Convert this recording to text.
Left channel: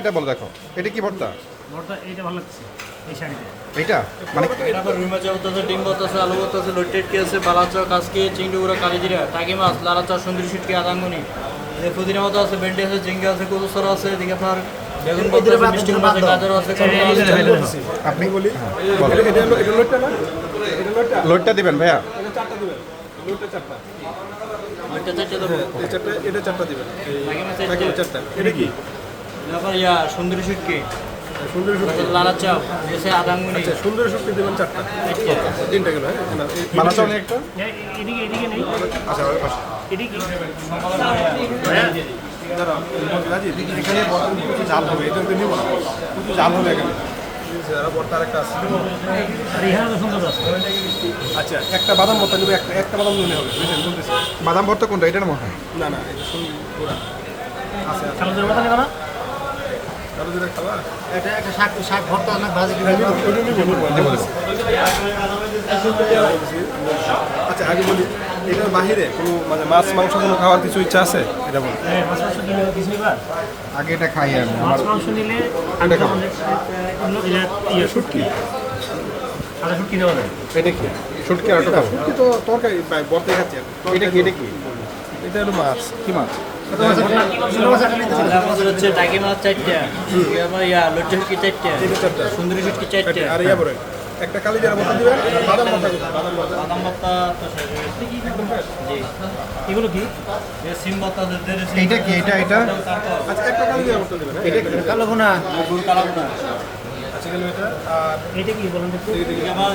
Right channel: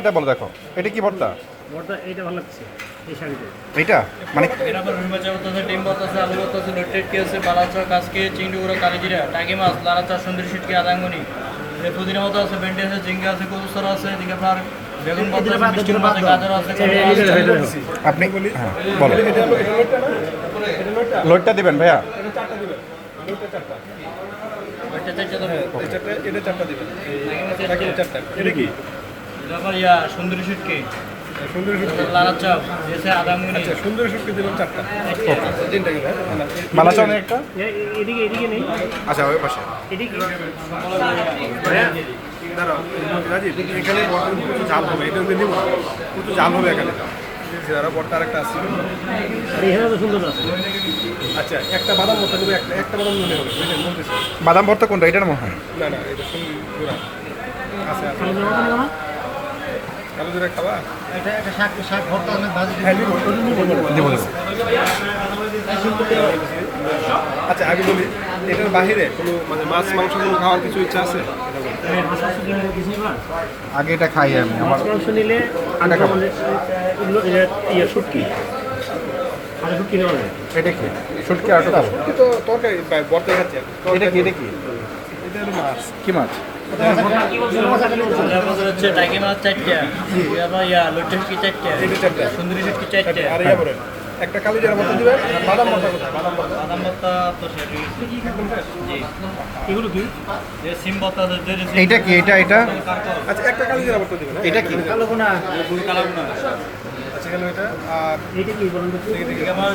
এটা বলো দেখো এটা কি ভর্তা ভর্তা এইটা ভালো লাগছে এই শাড়িটা এইটা মানে এরপর রুই মাছ ভর্তা আছে, ডিম ভর্তা আছে, আলু ভর্তা আছে, লট্টেটকি আছে, বালাচা, কাসকে, চিংড়ি গুঁড়া, কালিজিরা, টাকি মাছ, লাড়াচা, সুন্দরী শুটকি, আদাঙ্গনি, পুদিনা মতো আছে, ভেন্ডি আছে, ঝিঙ্গা আছে, কচুসর আছে, এদিকে আপনার বেগুন ভর্তা আছে, মিষ্টি কুমড়া আছে, গাজর আছে, আপনি বলো লোডটা দিবেন ভাইয়া ওইটা চারটে দেবো। এরপর সুন্দরী শুটকি, লাড়াচা, এসে আদাঙ্গনি, বানাচ্ছ অনেক একটা এদিকে এদিকে নেই আচ্ছা ওই পাশে এদিকে দাঁড়াও এখানে বর্তমান প্রচুর জাল হবে, এটা নিব না, প্রচুর জাল হবে এখানে। বর্তা আরেকটা আছে, আর এখানে তো সুন্দর আছে আচ্ছা একটা বাদাম ভর্তা দিবে, একটা বাদাম নিলে হবে, বুঝলেন বলতেছি। বাদাম ভর্তা কোনটা এটা না মনে হয় না না এটা শুনুন পুরা আছে আছে কালো জামা নেব না কালো জিরা খাবা, এটা একটা শাক শাক ভর্তা আমরা ভাজি হ্যাঁ নিব, ওটা নিব দেবো দেবো আচ্ছা আগে বলি এটার বাহিরে কোনো মানে মাছ মাংস কোনো খাওয়ার কিছু ইচ্ছা আছে এটা বলি। মাছ মাংস নিলে দিছি এবার আগে এটা খাই আমি আমার মাছ মাংস নিলে এটা খাবো। এগুলো ইয়ে শুটকি আর শুটকি নেওয়া যায় এটা কি শুটকি আর একটা খাবো কিন্তু তো তরকারি বর্তা খাচ্ছে, এটা কি এটা কি এটা হলো মাছ। কি মাছ আমাদের হচ্ছে টাকি মাছ চারটে, আপনার লট্টেটকি চারটে, এটা চারটা, সুন্দরী শুটকি চারটে, আর ইয়া বলেন একটা কালি জিরা ভর্তা দিবেন, আর বাদাম ভর্তা কোথায়? বাদাম ভর্তা আদাম ভর্তা তো শেষ হয়ে গেছে। একদম fresh? জি, এগুলো কি সিম ভর্তা আছে, দেড় সিম। এইটা কি এটা এটা আচ্ছা একটা কালি জিরা ভর্তা দিবেন, এটা কি কালো গুনা গুড় কালাবো না। আচ্ছা গেল এটা। আর এইটা কি বলেন দেখি আমার